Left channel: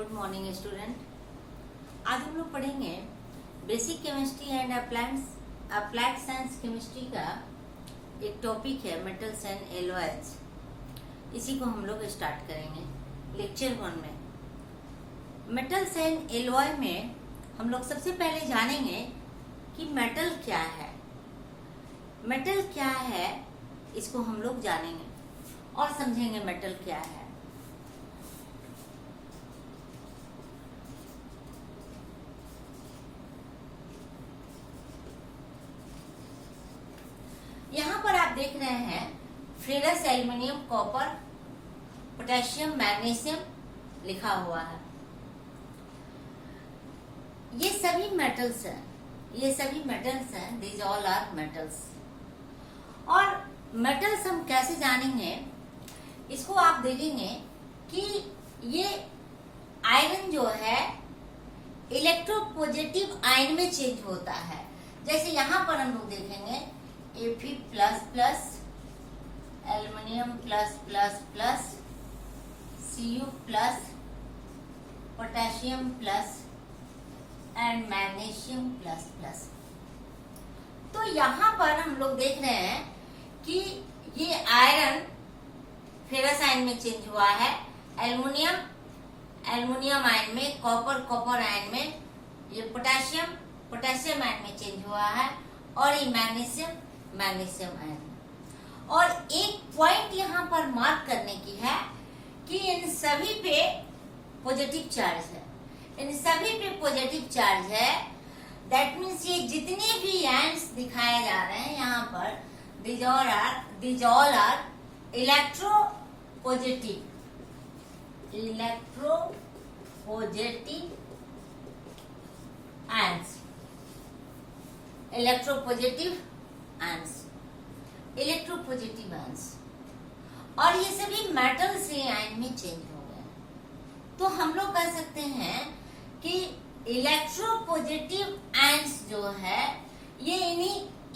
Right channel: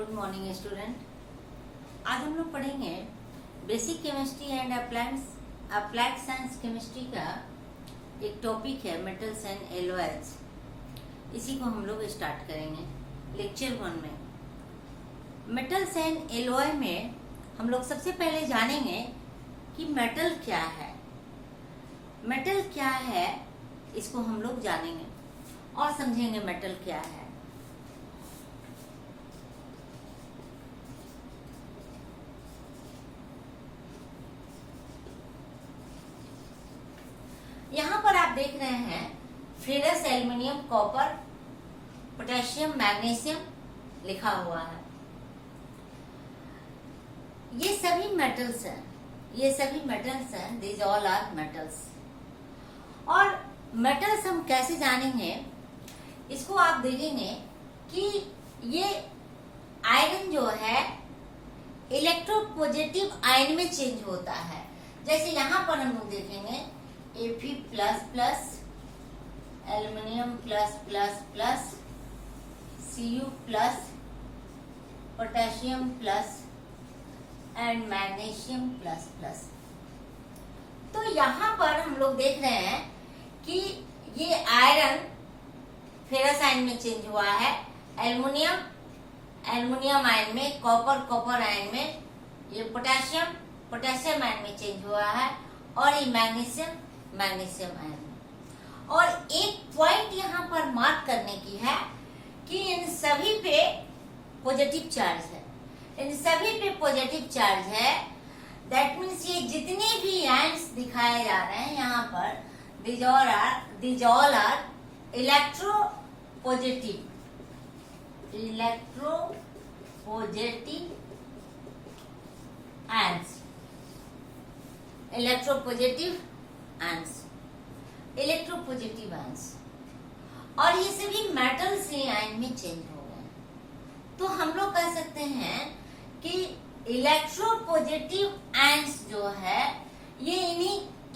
Good morning student. आज हम लोग पढ़ेंगे basic chemistry and applied science chemistry का एक टॉपिक है मेटल्स एंड एलॉयज। इसी को हम लोग स्टार्ट करेंगे लेक्चर 1 में। मेटल्स एंड एलॉय में हम लोग सबसे पहले जानेंगे कि मेटल क्या है। मेटल क्या है इसको हम लोग जानेंगे और समझेंगे मेटल क्या है। यहाँ पर आप देख रहे हैं ferrous, aluminium, copper, potassium, magnesium लिखा हुआ है। ये सभी मेटल्स हैं, दीज ऑल आर मेटल्स। और मेटल्स हम कैसे जानेंगे इसको आप देखेंगे कि ये आयरन जो है इलेक्ट्रोपॉजिटिव आयन में चेंज होता है। जैसे यहाँ पर हम लोग देखेंगे Fe++, aluminium +++, Cu+, potassium plus and magnesium ++। तो यहाँ पर हम लोग देख रहे हैं कि ये आयरन फेरस आयन में चेंज हुआ है, एल्युमिनियम आयन में, कॉपर आयन में, ये पोटेशियम आयन में चेंज हुआ है और ये मैग्नीशियम आयन। और एक पॉइंट यहाँ पर मार्क करने की है कि इन सभी पे पॉजिटिव चार्ज है। दैट मीन्स ये जितने भी आयन्स दिखाए जा रहे हैं यहाँ पर these all are electropositive ions, electropositive ions. और ये सभी मेटल से आयन में चेंज हो गए। तो हम लोग कह सकते हैं कि इलेक्ट्रोपॉजिटिव आयंस जो है ये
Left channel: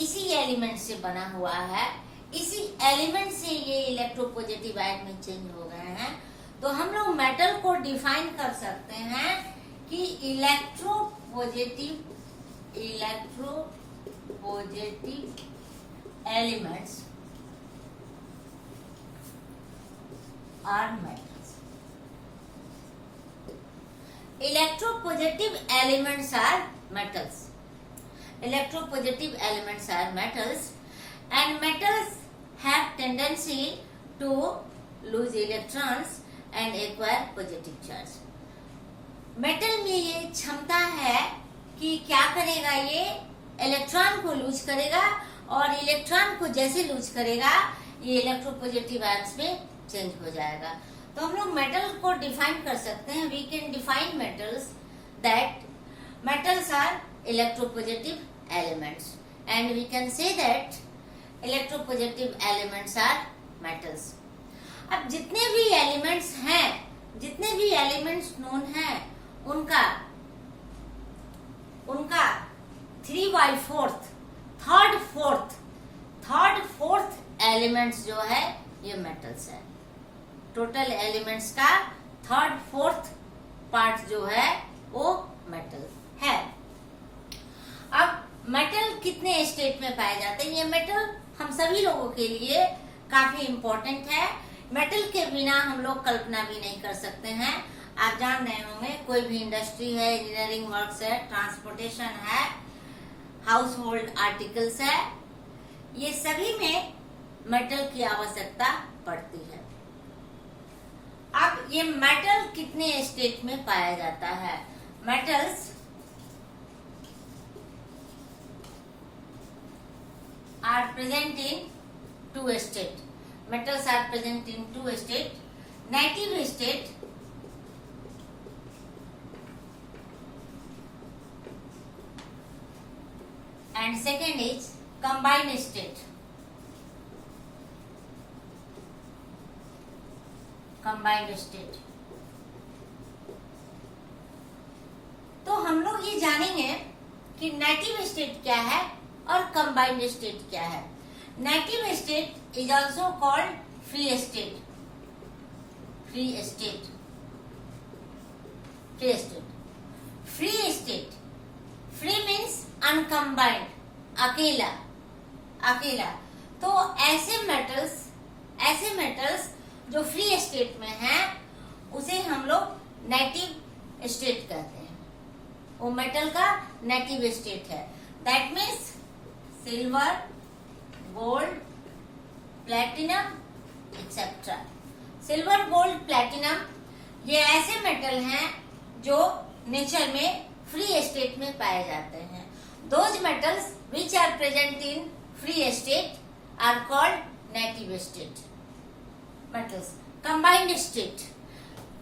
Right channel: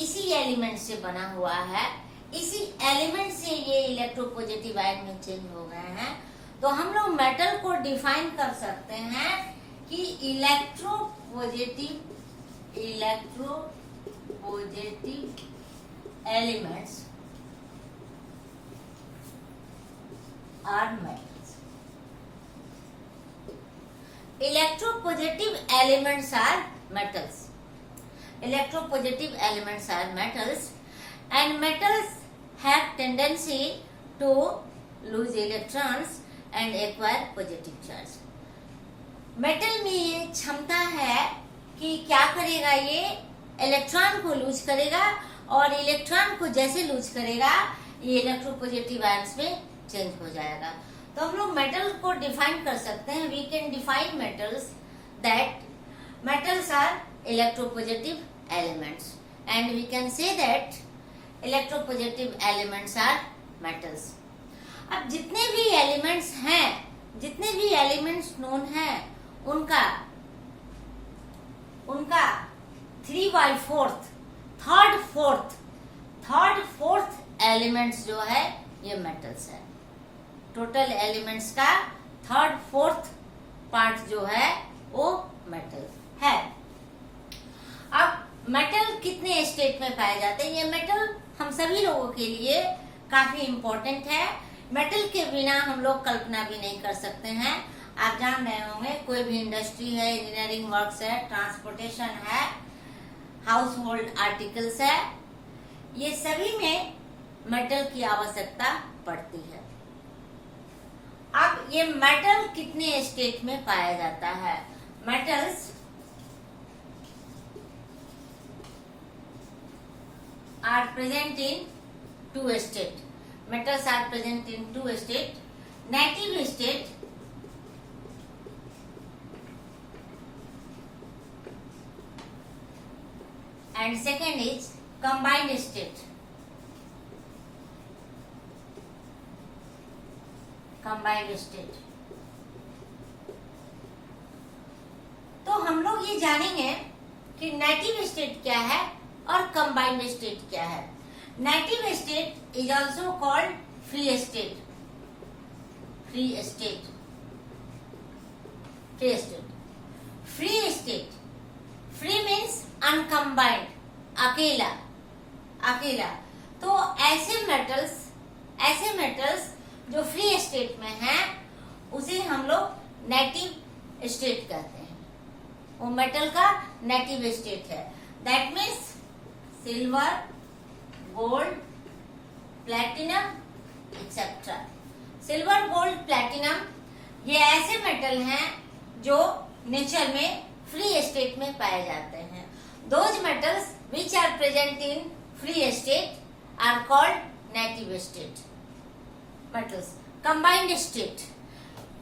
इसी एलिमेंट से बना हुआ है। इसी एलिमेंट से ये इलेक्ट्रोपॉजिटिव आयन में चेंज हो गए हैं। तो हम लोग मेटल को डिफाइन कर सकते हैं कि electropositive elements are metals. Electropositive elements are metals. And metals have tendency to lose electrons and acquire positive charge. Metal में ये क्षमता है कि क्या करेगा, ये इलेक्ट्रॉन को लूज करेगा और इलेक्ट्रॉन को जैसे लूज करेगा ये इलेक्ट्रोपॉजिटिव आयंस में चेंज हो जाएगा। तो हम लोग मेटल को डिफाइन कर सकते हैं। We can define metals that metals are electropositive elements and we can say that electropositive elements are metals. अब जितने भी एलिमेंट्स नोन है उनका 3/4 थर्ड फोर्थ एलिमेंट्स जो है ये मेटल्स है। टोटल एलिमेंट्स का 3/4 पार्ट जो है वो मेटल है। अब मेटल कितने स्टेट में पाए जाते हैं? ये मेटल हम सभी लोगों के लिए काफी इम्पोर्टेंट है। मेटल के बिना हम लोग कल्पना भी नहीं कर सकते हैं। आप जान रहे होंगे कोई भी इंडस्ट्री है, इंजीनियरिंग वर्क्स है, ट्रांसपोर्टेशन है, हाउस होल्ड आर्टिकल्स है, ये सभी में मेटल की आवश्यकता पड़ती है। अब ये मेटल कितने स्टेट में पाया जाता है? Metals are present in 2 state. Metals are present in 2 state, native state and second is combined state. तो हम लोग ये जानेंगे कि नेटिव स्टेट क्या है और कंबाइंड स्टेट क्या है। Native state is also called free state. Free state. Free state, free means uncombined, अकेला अकेला। तो ऐसे मेटल्स जो फ्री स्टेट में हैं उसे हम लोग नेटिव स्टेट कहते हैं। वो मेटल का नेटिव स्टेट है। That means silver, gold, platinum etcetera. Silver, gold, platinum ये ऐसे मेटल हैं जो नेचर में फ्री स्टेट में पाए जाते हैं। Those metals which are present in free state are called native state metals. Combined state,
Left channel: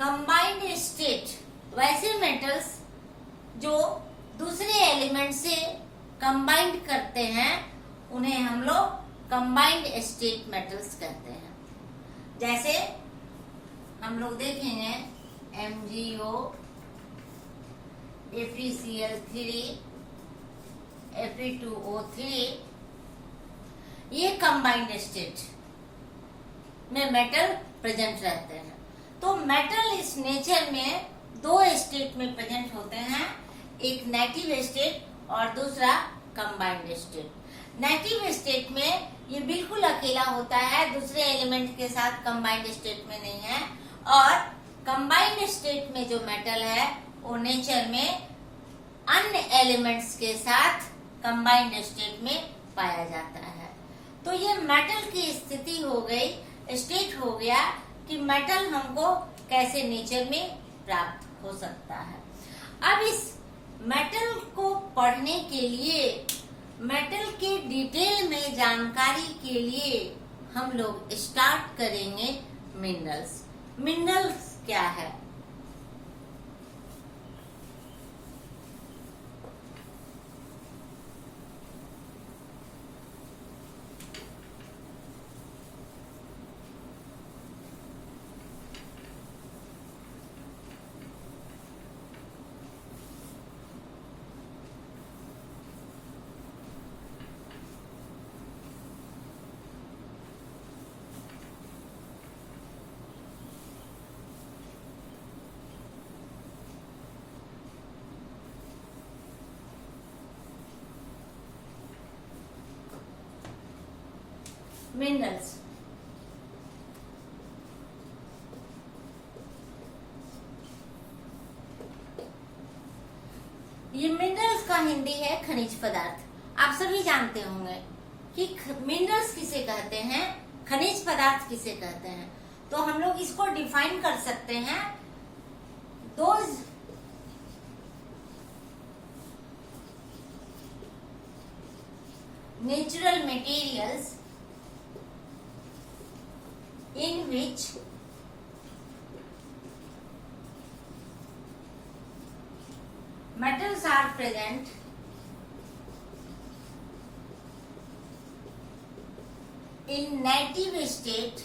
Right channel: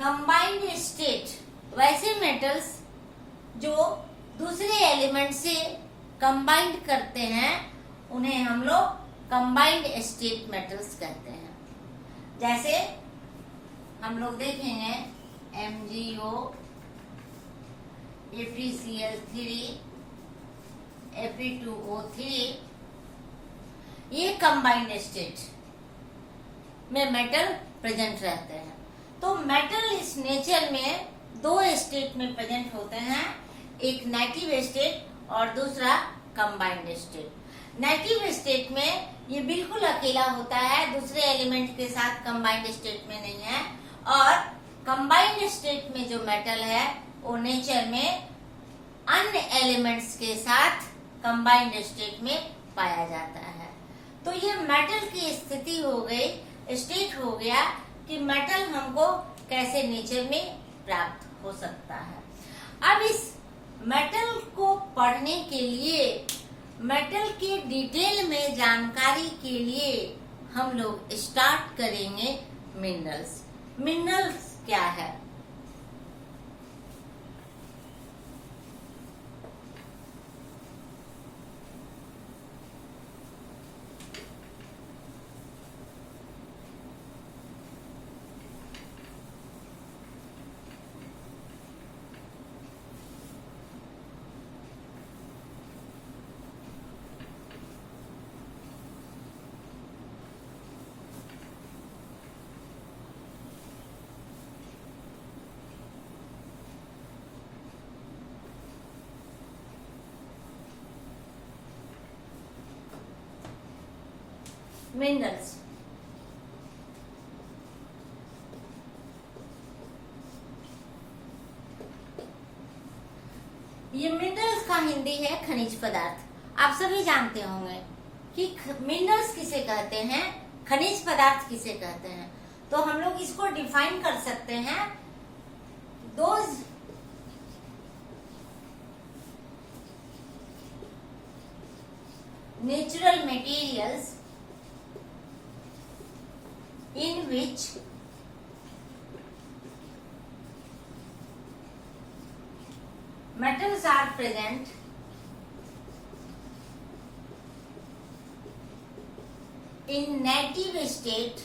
combined state वैसे मेटल्स जो दूसरे एलिमेंट से कंबाइंड करते हैं उन्हें हम लोग कंबाइंड स्टेट मेटल्स कहते हैं। जैसे हम लोग देखेंगे MgO, FeCl3, Fe2O3, ये कंबाइंड स्टेट में मेटल प्रेजेंट रहते हैं। तो मेटल इस नेचर में दो स्टेट में प्रेजेंट होते हैं, एक नेटिव स्टेट और दूसरा कंबाइंड स्टेट। नेटिव स्टेट में ये बिल्कुल अकेला होता है, दूसरे एलिमेंट के साथ कंबाइंड स्टेट में नहीं है। और कंबाइंड स्टेट में जो मेटल है वो नेचर में अन्य एलिमेंट्स के साथ कंबाइंड स्टेट में पाया जाता है। तो ये मेटल की स्थिति हो गई, स्टेट हो गया कि मेटल हमको कैसे नेचर में प्राप्त हो सकता है। अब इस मेटल को पढ़ने के लिए, मेटल की डिटेल में जानकारी के लिए हम लोग स्टार्ट करेंगे मिनरल्स। मिनरल्स क्या है? मिनरल्स ये मिनरल्स का हिंदी है खनिज पदार्थ। आप सभी जानते होंगे कि मिनरल्स किसे कहते हैं, खनिज पदार्थ किसे कहते हैं। तो हम लोग इसको डिफाइन कर सकते हैं, those natural materials in which metals are present in native state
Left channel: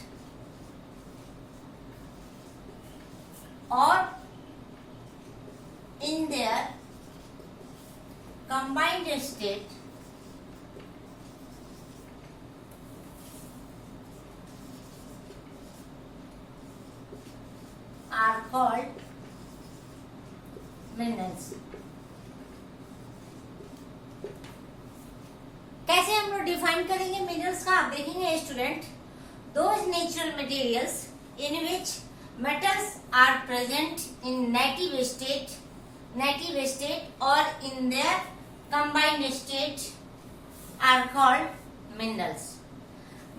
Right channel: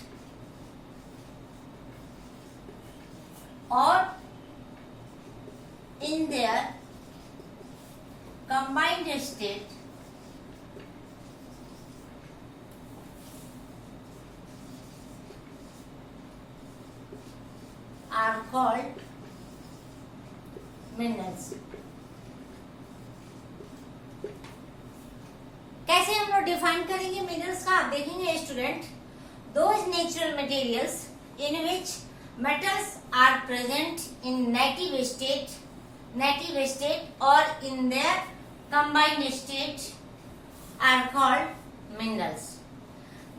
or in their combined state are called minerals। कैसे हम लोग डिफाइन करेंगे मिनरल्स का, आप देखेंगे student, those natural materials in which metals are present in native state और in their combined state are called minerals.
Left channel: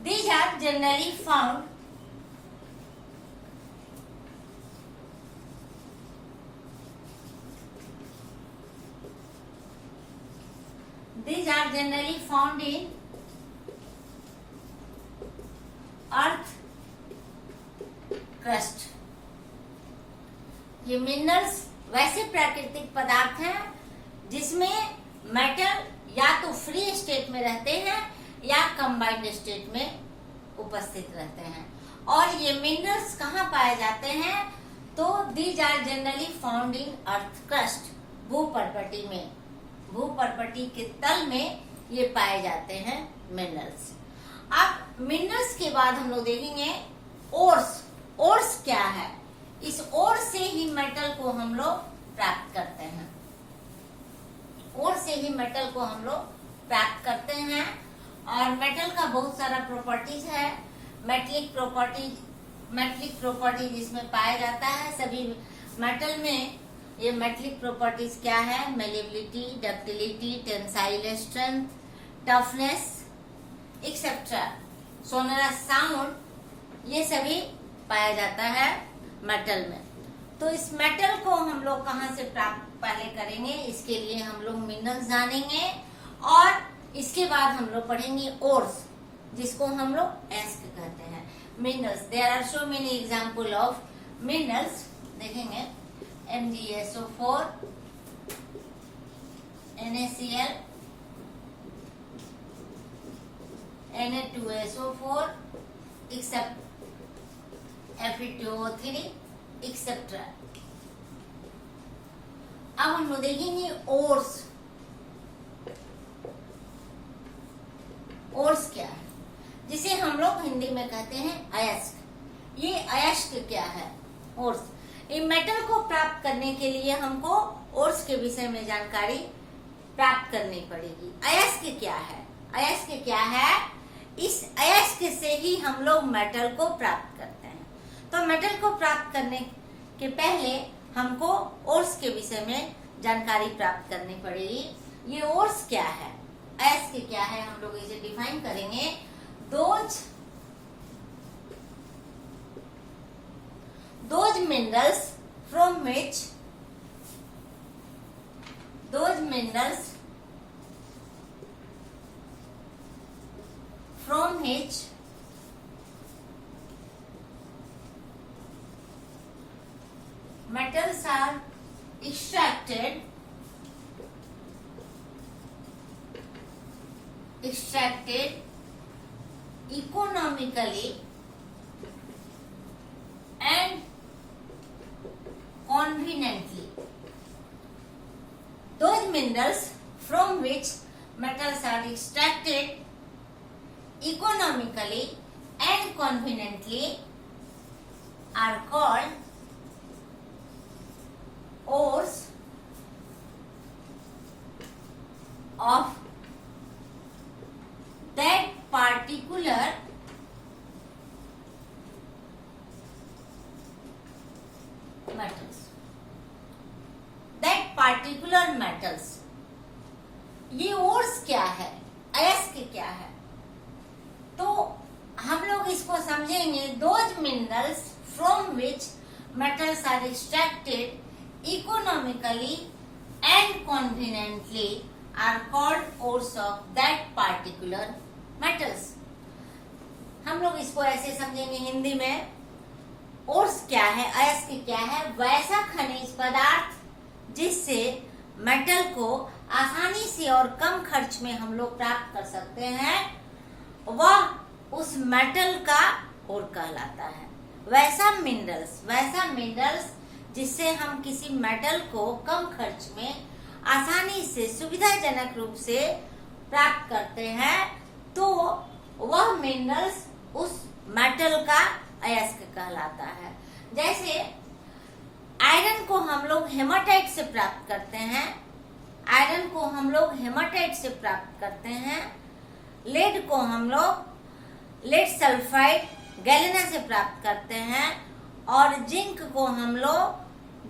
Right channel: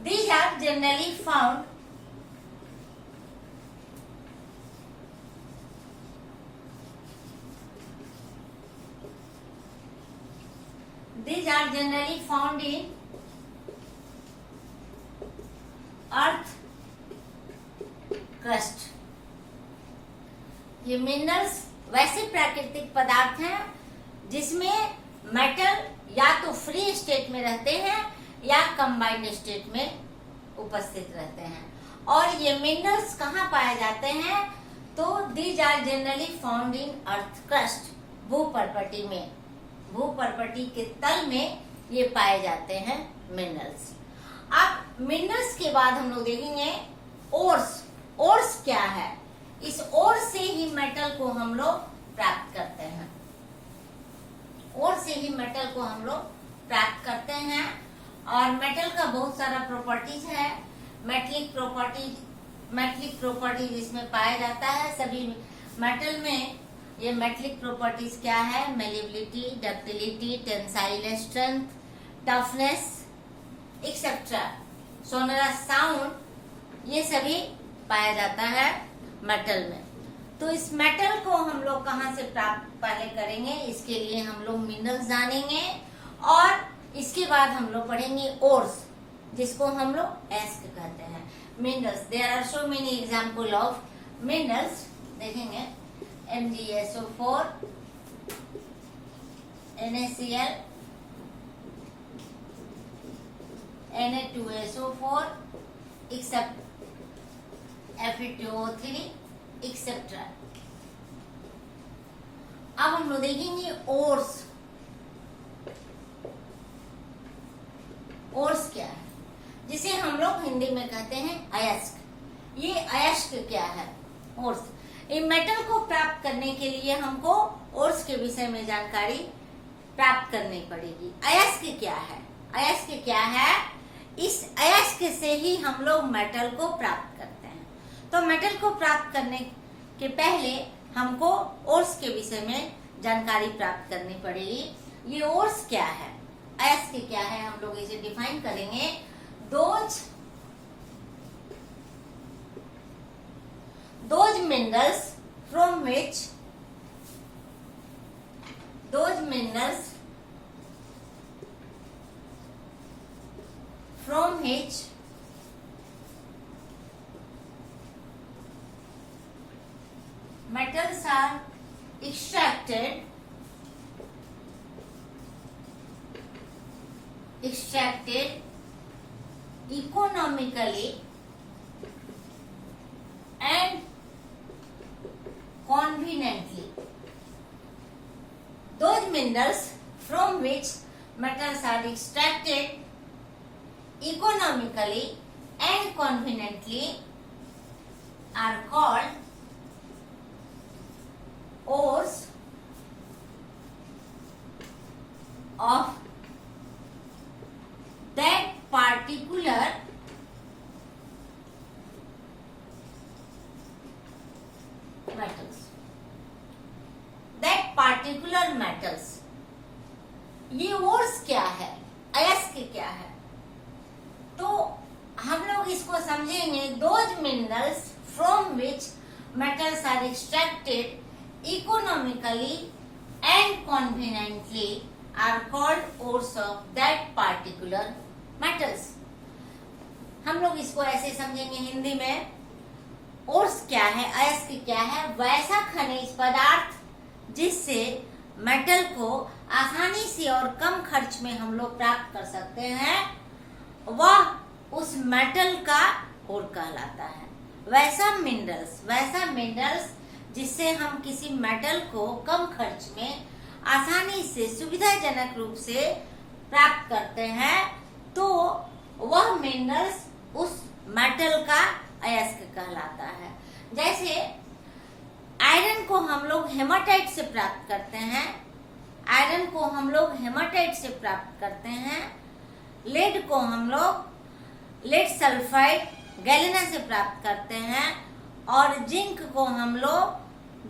These are generally found These are generally found in earth crust। ये मिनरल्स वैसे प्राकृतिक पदार्थ हैं जिसमें मेटल या तो फ्री स्टेट में रहते हैं या कंबाइंड स्टेट में उपस्थित रहते हैं। और ये मिनरल्स कहाँ पाए जाते हैं? तो these are generally found in earth crust, भूपर्पटी में, भूपर्पटी के तल में ये पाए जाते हैं मिनरल्स। अब मिनरल्स के बाद हम लोग देखेंगे ओर्स। ओर्स क्या है? इस ओर से ही मेटल को हम लोग प्राप्त करते हैं। और से ही मेटल को हम लोग प्राप्त करते हैं। और मेटल का बहुत सारा प्रॉपर्टीज है। मेटलिक प्रॉपर्टीज इसमें पाया जाता है। सभी मेटल में ये मेटलिक प्रॉपर्टीज क्या है? Malleability, ductility, tensile strength, toughness etcetera, sonorous sound, ये सभी पाया जाता है मेटल में। तो इस मेटल को हम लोग कहाँ से प्राप्त पहले करेंगे, इसके लिए हम लोग मिनरल्स जानेंगे और इसके बाद हम लोग पढ़ेंगे ओर्स, जिसको हम लोग एस्क कहते हैं। Minerals, there are so many example of minerals. देखेंगे MgSO4, NaCl, Na2SO4, except Fe2O3 etcetera. अब हम लोग देखेंगे ओर्स। ओर्स क्या है, जिसे हम लोग हिंदी में कहते हैं अयस्क। ये अयस्क क्या है? ओर्स। इन मेटल को प्राप्त करने के लिए हमको ओर्स के विषय में जानकारी प्राप्त करनी पड़ेगी। अयस्क क्या है? अयस्क क्या है? इस अयस्क से ही हम लोग मेटल को प्राप्त करते हैं। तो मेटल को प्राप्त करने के पहले हमको ओर्स के विषय में जानकारी प्राप्त करनी पड़ेगी। ये ओर्स क्या है, अयस्क क्या है, हम लोग इसे डिफाइन करेंगे। Those minerals from which metals are extracted economically and conveniently. Those minerals from which metals are extracted economically and conveniently are called ores of that particular metals। ये ओर्स क्या है, अयस्क क्या है, तो हम लोग इसको समझेंगे। Those minerals from which metals are extracted economically and conveniently are called ores of that particular metals। हम लोग इसको ऐसे समझेंगे हिंदी में। ओर्स क्या है, अयस्क क्या है? वैसा खनिज पदार्थ जिससे मेटल को आसानी से और कम खर्च में हम लोग प्राप्त कर सकते हैं, वह उस मेटल का ओर कहलाता है। वैसा मिनरल्स जिससे हम किसी मेटल को कम खर्च में आसानी से सुविधाजनक रूप से प्राप्त करते हैं, तो वह मिनरल्स उस मेटल का अयस्क कहलाता है। जैसे आयरन को हम लोग हेमाटाइट से प्राप्त करते हैं, लेड को हम लोग लेड सल्फाइड गैलेना से प्राप्त करते हैं, और जिंक को हम लोग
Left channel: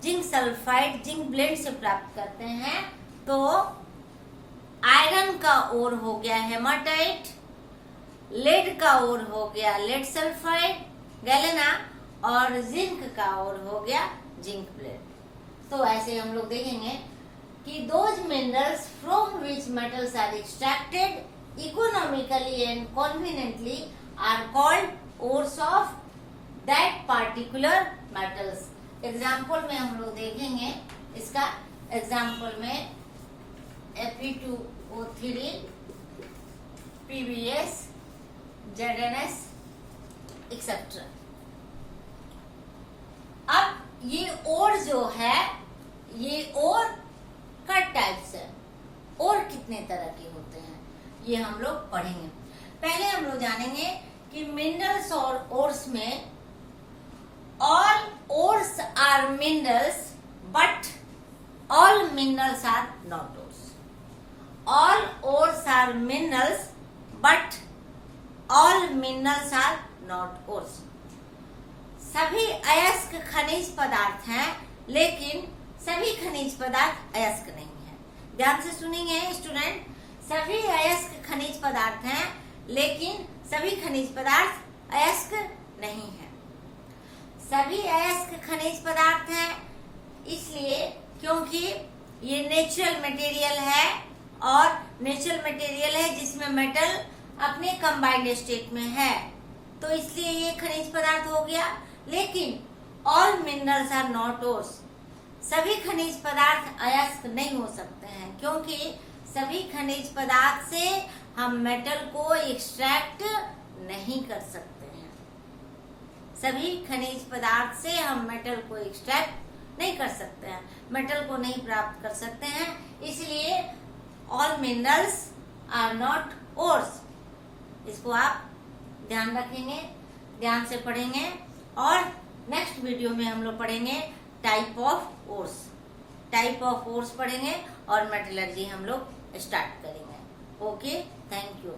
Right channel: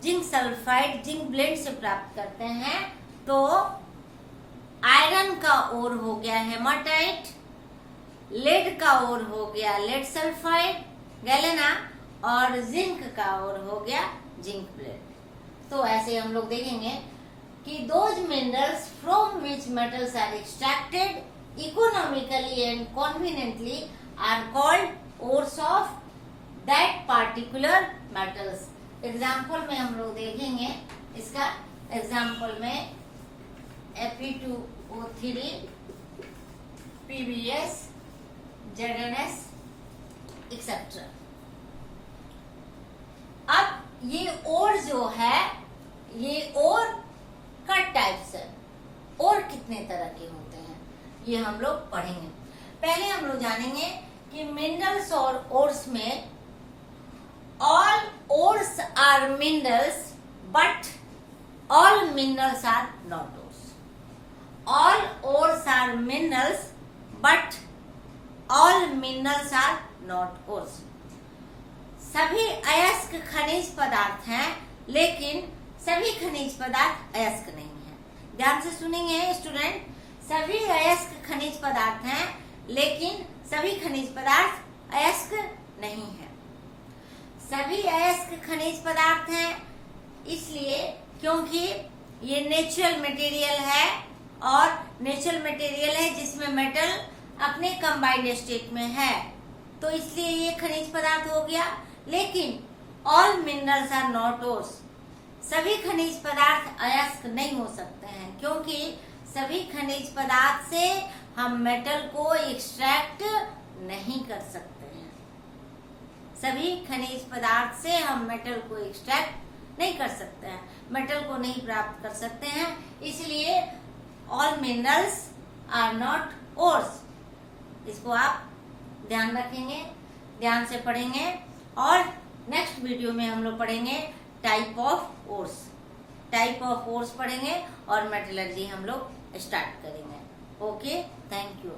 जिंक सल्फाइड जिंक ब्लेंड से प्राप्त करते हैं। तो आयरन का ओर हो गया हेमाटाइट, लेड का ओर हो गया लेड सल्फाइड गैलेना, और जिंक का ओर हो गया जिंक ब्लेंड। तो ऐसे हम लोग देखेंगे कि those minerals from which metals are extracted economically and conveniently are called ores of that particular metals। Example में हम लोग देखेंगे इसका। एग्जाम्पल में Fe2O3, PbS, ZnS एक्सेट्रा। अब ये ओर जो है, ये ओर का टाइप्स है। ओर कितने तरह के होते हैं ये हम लोग पढ़ेंगे। पहले हम लोग जानेंगे कि मिनरल्स और ओर्स में all ores are minerals but all minerals are not ores. All ores are minerals, but all minerals are not ores. सभी अयस्क खनिज पदार्थ हैं, लेकिन सभी खनिज पदार्थ अयस्क नहीं है। ध्यान से सुनेंगे स्टूडेंट, सभी अयस्क खनिज पदार्थ हैं, लेकिन सभी खनिज पदार्थ अयस्क नहीं है। सभी अयस्क खनिज पदार्थ हैं इसलिए क्योंकि ये नेचुरल मटेरियल है, और नेचुरल मटेरियल है जिसमें मेटल अपने कंबाइंड स्टेट में है, तो इसलिए ये खनिज पदार्थ हो गया। लेकिन all minerals are not ores, सभी खनिज पदार्थ अयस्क नहीं हो सकते हैं, क्योंकि सभी खनिज पदार्थ से हम मेटल को एक्सट्रैक्ट नहीं कर सकते हैं। सभी खनिज पदार्थ से हम मेटल को एक्सट्रैक्ट नहीं कर सकते हैं, मेटल को नहीं प्राप्त कर सकते हैं, इसलिए all minerals are not ores. इसको आप ध्यान रखेंगे, ध्यान से पढ़ेंगे, और नेक्स्ट वीडियो में हम लोग पढ़ेंगे type of ores. Type of ores पढ़ेंगे और मेटलर्जी हम लोग स्टार्ट करेंगे। Okay, thank you.